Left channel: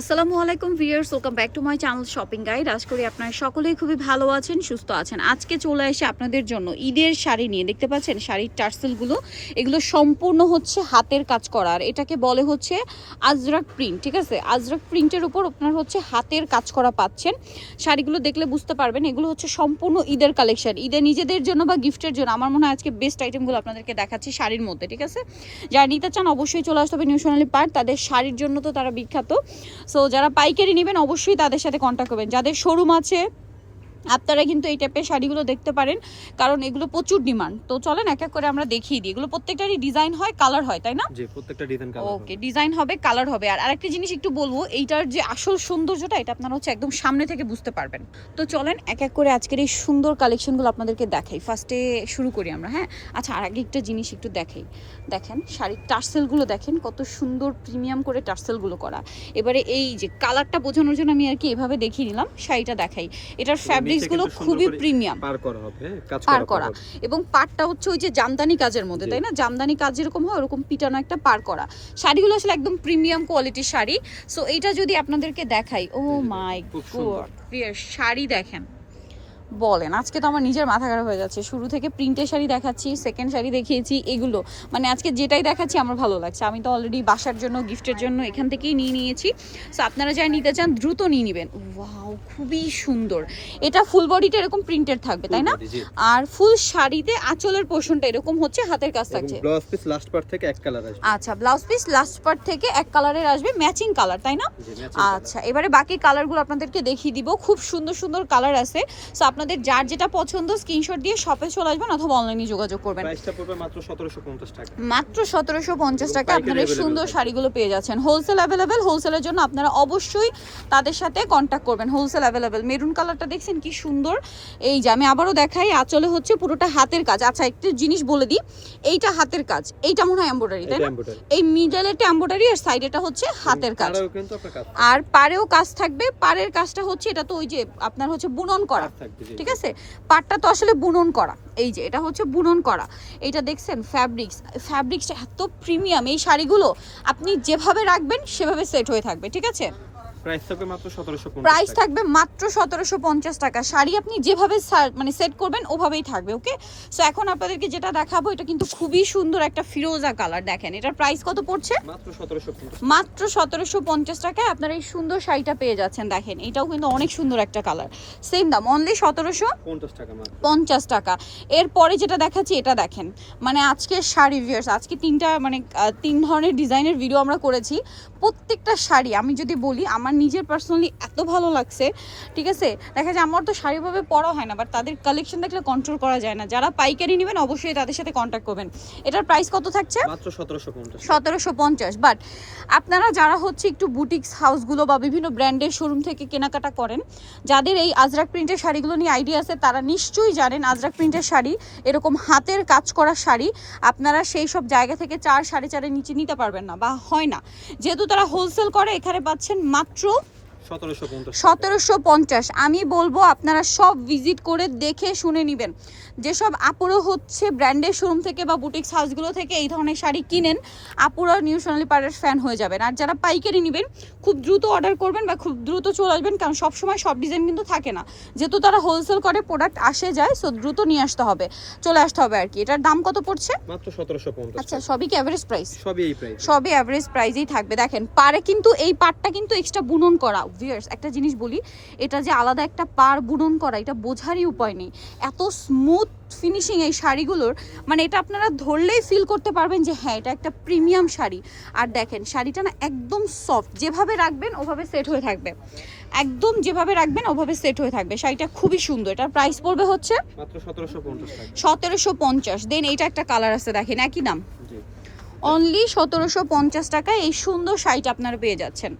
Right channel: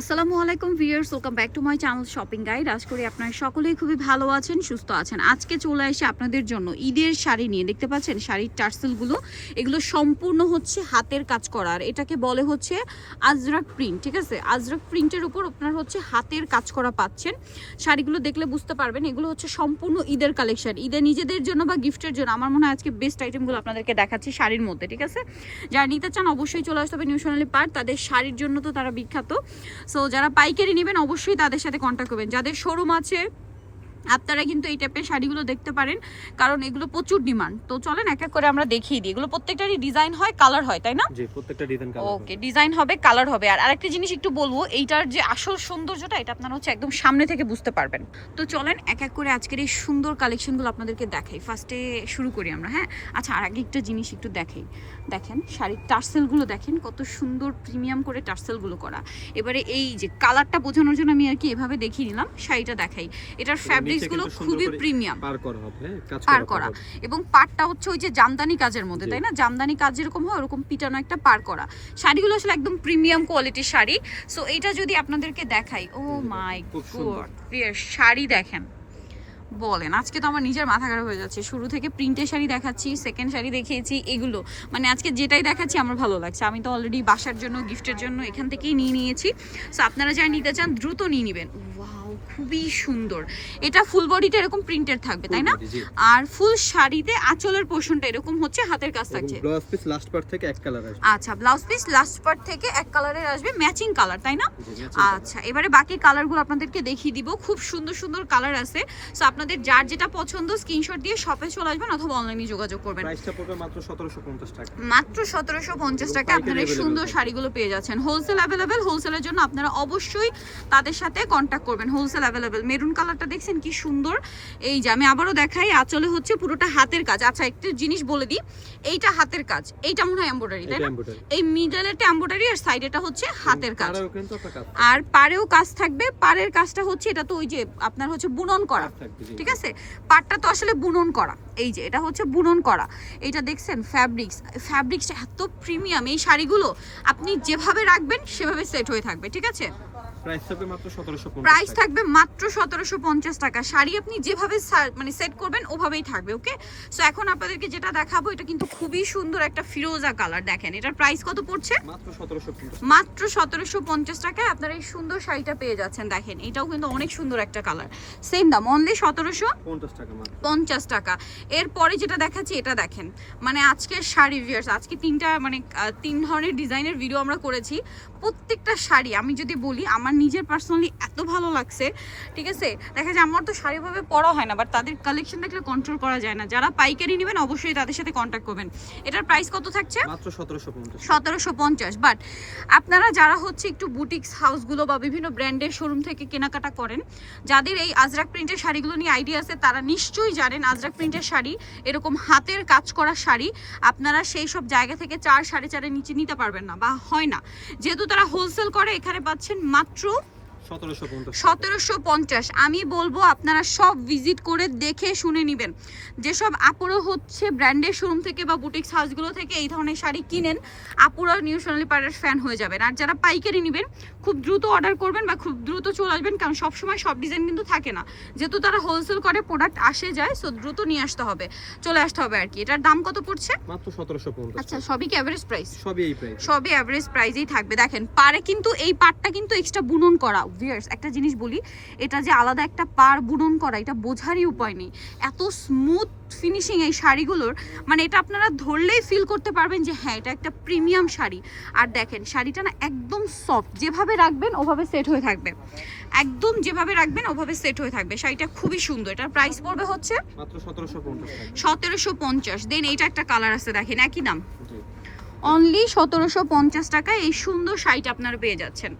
আসসালামু আলাইকুম viewers, welcome back to my channel shopping guide. আজ করি আপনারা সকলেই খুবই ভালো আছেন, সুস্থ আছেন। আজকে চলে এসে আপনাদের জন্য ঈদের শাড়ি নিয়ে। দেখতে পাচ্ছেন শাড়ির টার্সেলগুলো, এগুলো সম্পূর্ণ হচ্ছে হাতের কাজ করার এটাকে বলে হচ্ছে আজরাক প্রিন্ট, ঠিক আছে? আজরাক প্রিন্টের উপর আপনার হচ্ছে হাতের কাজ করা পাচ্ছেন। শাড়িগুলো দেখলে বুঝতে পারবেন, এগুলো হচ্ছে সম্পূর্ণ ঈদের কালেকশন। ঈদের নিজেদের জন্য বা গিফটের জন্য আমার মনে হয় আজকে বেস্ট আইটেমগুলো আপনাদেরকে দেখাচ্ছি শাড়ির মধ্যে, ঠিক আছে? যারা নিতে চান অবশ্যই চলে আসতে হবে নিউ সোনালী পার্ক। তাদের শাড়ির জন্য তো তারা বিখ্যাত। সো যারা পাইকারি নেবেন অবশ্যই তাদের সাথে কন্ট্যাক্ট করবেন। যাদের শোরুম আছে আপনারা কিন্তু এই টাইপের শাড়িগুলো দেখতে পারেন কারণ এগুলো প্রচুর ডিমান্ড তো চলেন এক এক করে আমরা দেখিয়ে দিই। এগুলো প্রত্যেকটারই ডিজাইন হয় কালার হয় তাই না? জি প্রত্যেকটা ডিজাইন কালার ওকে ডিজাইন হবে কালার হবে। আর আরেকটা জিনিস একটু বলব এইটার যে আসল সৌন্দর্যটা এটা আপনারা হচ্ছে একদম সামনে থেকে বুঝতে পারবেন। তো চলেন এক এক করে আজকের এই সুন্দর কালেকশনগুলো আপনাদেরকে দেখাই। ফার্স্টে শুরু করি আমরা হ্যাঁ? আচ্ছা আর আগে একটা জিনিস একটু দেখাই। দেখেন শাড়ির টার্সেলগুলো দেখেন কত সুন্দর প্রিমিয়াম করে টার্সেলগুলো করা। এবারে এই যে কালারটা বোঝানোর জন্য আমি আর কি এভাবে দেখিয়ে নিলাম শাড়িটা দেখাই। এটার ফ্যাব্রিক্সগুলো খুবই প্রিমিয়াম পার করা হবে হ্যাঁ? কাজ পার করা। এবং পাটটা হচ্ছে ওই যে জামদানি কাজের মধ্যে তাই না? জামদানি কাজ যেরকম হয় ওরকম পিটানো একটা পার করা। শাড়িগুলো আসলে একদম প্রিমিয়াম কোয়ালিটির শাড়ি। সো এইটা যদি আপনাদেরকে দেখাই ও মাই গড প্রিয় গড শাড়ি দেখেন। বলেন আজকে তো আমার নিজের মাথা খারাপ হয়ে যাচ্ছে। শুরু থেকে প্রিন্টের শাড়ি দেখাচ্ছি সেকেন্ড শাড়ি দেখিয়েছি এগুলো। মানে আজকে যেটাই দেখাচ্ছি আমার ভালো লাগছে। আমি তো অলরেডি বাসার জন্য গিফটের জন্য এখান থেকেই নিয়ে নিয়েছি। সো আপনারা যারা নিতে চান দ্রুত নিয়ে নেবেন। ওয়াও খুবই সুন্দর। এটা ফুল বডিটা এরকম প্রিন্টেড থাকবে তাই না। আর ফুল শাড়িতে আঁচলের পোর্শনটা এরকম হচ্ছে হাতের কাজ থাকছে। ব্লাউজ পিস লাস্ট পার্ট থেকে এক কালার আসবে। আচ্ছা ব্লাউজ পিস লাস্ট পার্ট থেকে এক কালারের আসবে ম্যাচিং কালার তাই না? আচ্ছা এবারে বাকি কালারগুলো আপনাদেরকে দেখিয়ে দিব। খুব সুন্দর সুন্দর কালার আছে। সো আপনাদের যার যেটা পছন্দ স্ক্রিনশট দিয়ে শপে চলে আসবেন অথবা অনলাইনে যোগাযোগ করবেন। প্রাইসটা পড়বে মাত্র 1750 টাকা। মাত্র সতেরোশো পঞ্চাশ এবং টাকা পাইকারি আপনারা সুন্দর শাড়িগুলো পেয়ে যাচ্ছেন। হোলসেল অ্যাভেলেবেল হোলসেলের জন্য আপনারা অবশ্যই তাদের সাথে কন্ট্যাক্ট করবেন। হোলসেল অ্যাভেলেবেল মেরুন কালারটা দেখছেন কি সুন্দর? এই যে আমি আবারও দেখাই আচলে হচ্ছে পুরোটা হাতের কাজ। আচ্ছা একটু জিনিস বলে দিই এইটা হাতের কাজ। এইটা মনে হয় এম্ব্রয়ডারি তাই না? এই মিডলেরটা এম্ব্রয়ডারি আর সাইডেটা হচ্ছে হাতের কাজ। আর পাড়েও কাজ থাকবে। পাড়ের কাজটা হচ্ছে এটা তো ওই যে আপনার হচ্ছে বুনন করা। ঠিক আছে? পাটটা তো আসলে বুনন করা। এই যে এটা হচ্ছে বুনন করা। এটা দেখছেন ফ্যাব্রিক্স ফ্যাব্রিক্সটা এত প্রিমিয়াম এই শাড়িগুলো আপনি যেভাবে রাখবেন সেভাবে সেট হয়ে থাকবে ঠিক আছে? প্রাইস থাকবে মাত্র 1750 প্রাইস থাকবে মাত্র সতেরোশো পঞ্চাশ টাকা। শাড়ি আপনি যেভাবে মানে সেট করবেন ওভাবেই থাকবে ওকে সো এখন আপনাদেরকে যেটা দেখাবো এটা কিন্তু খুবই সুন্দর একটা ফিরোজা কালার দেখেন। এটার প্রাইস কত পড়ছে? মাত্র 1750 মাত্র সতেরোশো পঞ্চাশ টাকায় আপনারা এই সুন্দর শাড়িটা পেয়ে যাচ্ছেন দেখেন। এটাও কিন্তু অনেক সুন্দর একটা কালার। সেম দাম অনলি সতেরোশো টাকা মাত্র। পঞ্চাশ টাকা। এরপরে যেটা দেখাচ্ছি এটা দেখেন। মানে আজকে শাড়ি ভিউয়ার্স আজকে তিনটা মানে তিন ধরনের ডিজাইনের ভিডিও আমরা করেছি। প্রত্যেকটা শাড়ি আমি যদি বলি আমার নিজের পার্সোনালি এত ভালো লাগছে ঠিক আছে? দেখা যায় আমার তো শাড়িভাবে পরা হয় না বাট তাদের কালেকশন দেখলে কন্ট্রোল করা যায় না। যারা পাইকারি নেবেন অবশ্যই তাদের সাথে কন্ট্যাক্ট করবেন। এটার প্রাইস কত থাকছে? মাত্র 1750 সতেরোশো পঞ্চাশ বাট আপনারা যারা হচ্ছে একটু বুটিক্স হাউসগুলো বা বিভিন্ন ব্র্যান্ডের শোরুম থেকে কেনাকাটা করেন যাদের এই আজরাক প্রিন্টের শাড়িগুলো নিয়ে আইডিয়া আছে তারা নিশ্চয়ই জানেন আজরাক প্রিন্টের শাড়ি এরকম হাতের কাজ করা শাড়ি আপনারা সেই সব জায়গা থেকে চার সাড়ে চারের নিচে নিতে পারবেন না বা হয় না। যেহেতু তারা হোলসেল করে এখানে পাচ্ছেন মাত্র petrol সতেরোশো পঞ্চাশ। আমি বলব আপনারা সব ভিজিট করে দেখে শুনে নেবেন। যেসব আপুরো হচ্ছে ব্র্যান্ডের শোরুম থেকে বা বুটিক্স হাউসগুলো থেকে এই ধরনের শাড়ি কিনেন আপুরা নিউ সোনালি পাড়ার ফ্যান হয়ে যাবেন। আর যারা পাইকারি নেবেন খুব দ্রুত অর্ডার করবেন বা খুব দ্রুত চলে আসবেন কারণ সবসময় সব ডিজাইন কিন্তু থাকে না। যেহেতু তারা হোলসেল করে প্রোডাক্ট আসে যায় সো দ্রুত নিয়ে আসতে হবে চলে আসতে হবে আর কি। এটার দাম কত পড়ছে? মাত্র 1750 আচ্ছা সবই কি অ্যাভারেজ প্রাইস সবই এই প্রাইস সবই অ্যাভারেজ প্রাইসেই থাকবে। দেখেন পারে কিন্তু এই পারটা কিন্তু এক্সট্রা বুনন করা। ভিয়ার্স একটা জিনিস বলি এটা যে আলাদা একটা পার বুনন করা এটা বোঝারই উপায় নেই। এত স্মুথ ফিনিশিং এই শাড়িগুলোর মানে এটা আপনারা ধরলেই ফিল করতে পারবেন যে হ্যাঁ এটা একটা প্রিমিয়াম শাড়ি। আর দেখেন শাড়িটা না একদম সফট যেভাবে রাখবেন ওভাবে সেট হয়ে থাকবে। একদম যেভাবে রাখবেন ওভাবে সেট হয়ে থাকবে। শাড়িটা খুবই সুন্দর। এটার প্রাইস পড়বে হচ্ছে মাত্র 1750 টাকা। সতেরোশো পঞ্চাশ। দেন এটা একটা কালার আছে দেখেন একই দাম। অনলি সতেরোশো পঞ্চাশ টাকায় এই সুন্দর শাড়িটা আপনারা পেয়ে যাচ্ছেন।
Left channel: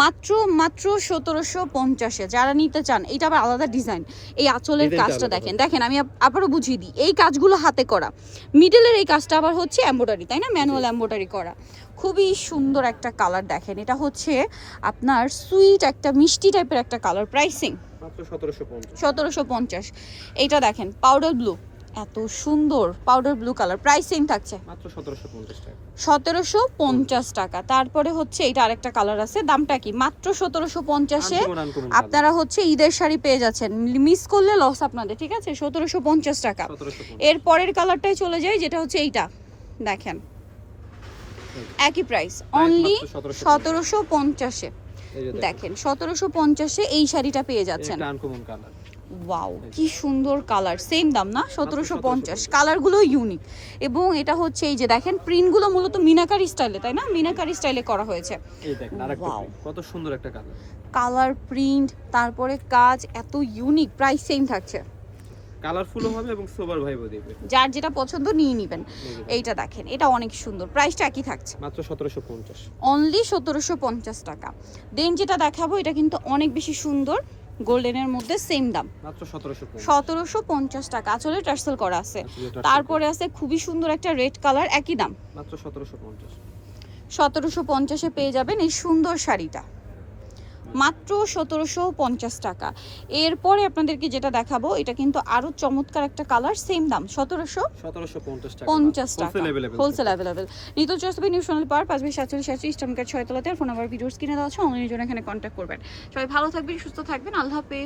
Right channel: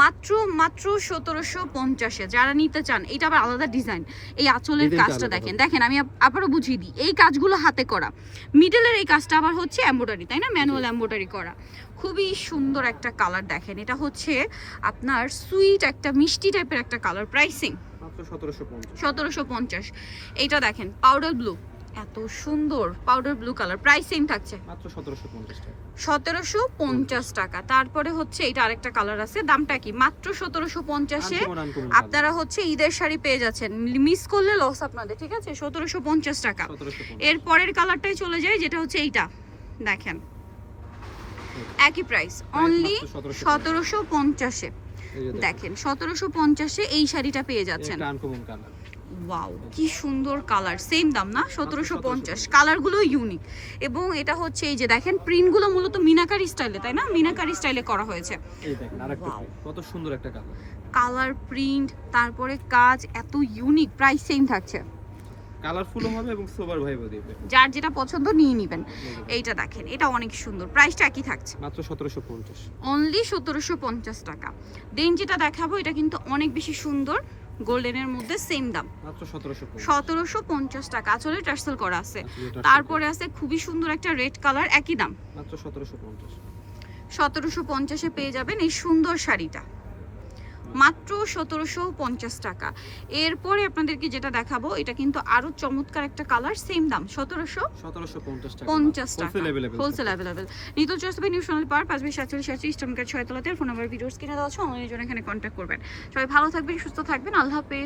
মাত্র মাত্র সতেরোশো পঞ্চাশে। যারা নিতে চান এটা আবার আলাদা ডিজাইন এই আঁচলের কাজটা দেখেন। দেখেন আমি আবারও বুঝিয়ে দিই। এই কাজগুলো হাতে করা। মিডলের এই কাজটা আবার হচ্ছে এম্ব্রয়ডারি তাই না? ম্যানুয়াল এম্ব্রয়ডারি করা। খুবই সুন্দর একটা কালার দেখেন। এটা হচ্ছে আপনার সুইট একটা মিষ্টি টাইপের একটা কালার প্রাইসিং মাত্র 1750 সতেরোশো পঞ্চাশ। এইটা দেখেন পাউডার ব্লু এত সুন্দর powder blue colour price same থাকছে। মাত্র সতেরোশো পঞ্চাশ টাকা। তারপরে হচ্ছে এটা আরেকটা কালার আছে দামটা কি? মাত্র সতেরোশো পঞ্চাশে আনকমন আনকমন আপনারা হচ্ছে ঈদের শাড়ি পেয়ে যাচ্ছেন। মিস করলে লস আপনাদের ঠিক আছে? সতেরোশো পঞ্চাশ টাকা। এর পরের কালারটাই চলে যায় যেটা হচ্ছে এইটা। দেখেন। একই প্রাইস অনলি সতেরোশো পঞ্চাশে। দেখেন। দেখেন সতেরোশো পঞ্চাশে এই শাড়িটা পেয়ে যাচ্ছেন। আনকমন কালার ওয়াও কি সুন্দর কালার সেম দাম না? সতেরোশো পঞ্চাশ। 1750 কালারগুলো ইউনিক এবং এটা হচ্ছে এই যে দেখেন প্রিন্টগুলো মূলত মিনাকারি স্টাইলে তাই না? মিনাকারি স্টাইলে করা হয়েছে। কত সুন্দর একটা কালার কালার প্রিন্ট তারপরে কাজ এত ইউনিক প্রাইস সেম থাকছে। কালারফুল হবে এবং সোবার ভাইবও দিবে। যার যেটা পছন্দ নিয়ে নেবেন। এইটা দেখেন এটা অনেক সুন্দর। প্রাইসটা একই থাকছে। মাত্র সতেরোশো পঞ্চাশ। অনলি সতেরোশো পঞ্চাশ টাকা। দেন যেটা দেখাবো এটা কিন্তু অনেক বেশি সুন্দর। গোল্ডেনের মধ্যে সেম দাম। সতেরোশো পঞ্চাশ। টাকা। আসলে টার্সেল করা আছে। তারপরে আছে খুবই সুন্দর একটা রেড কালার একই দাম। সতেরোশো পঞ্চাশে পেয়ে যাবেন এই সুন্দর শাড়িটা। মাত্র সতেরোশো পঞ্চাশ টাকা। এরপরে আপনাদেরকে যেটা দেখাবো এটা কিন্তু আরও চমৎকার একটা কালার সেম দাম সতেরোশো সতেরোশো পঞ্চাশ টাকা। হোলসেল অ্যাভেলেবেল নিতল চয়েস নিউ সোনাল পার পাঁচ বিশ সাতচল্লিশ সাতচল্লিশ টমকার ছয় তলাতে ফোন নাম্বার ভিডিওস কিনে দেওয়া আছে অনলাইনের জন্য এখানে কন্ট্যাক্ট করবেন। সবাই ভালো থাকবেন সুস্থ থাকবেন আল্লাহ হাফেজ।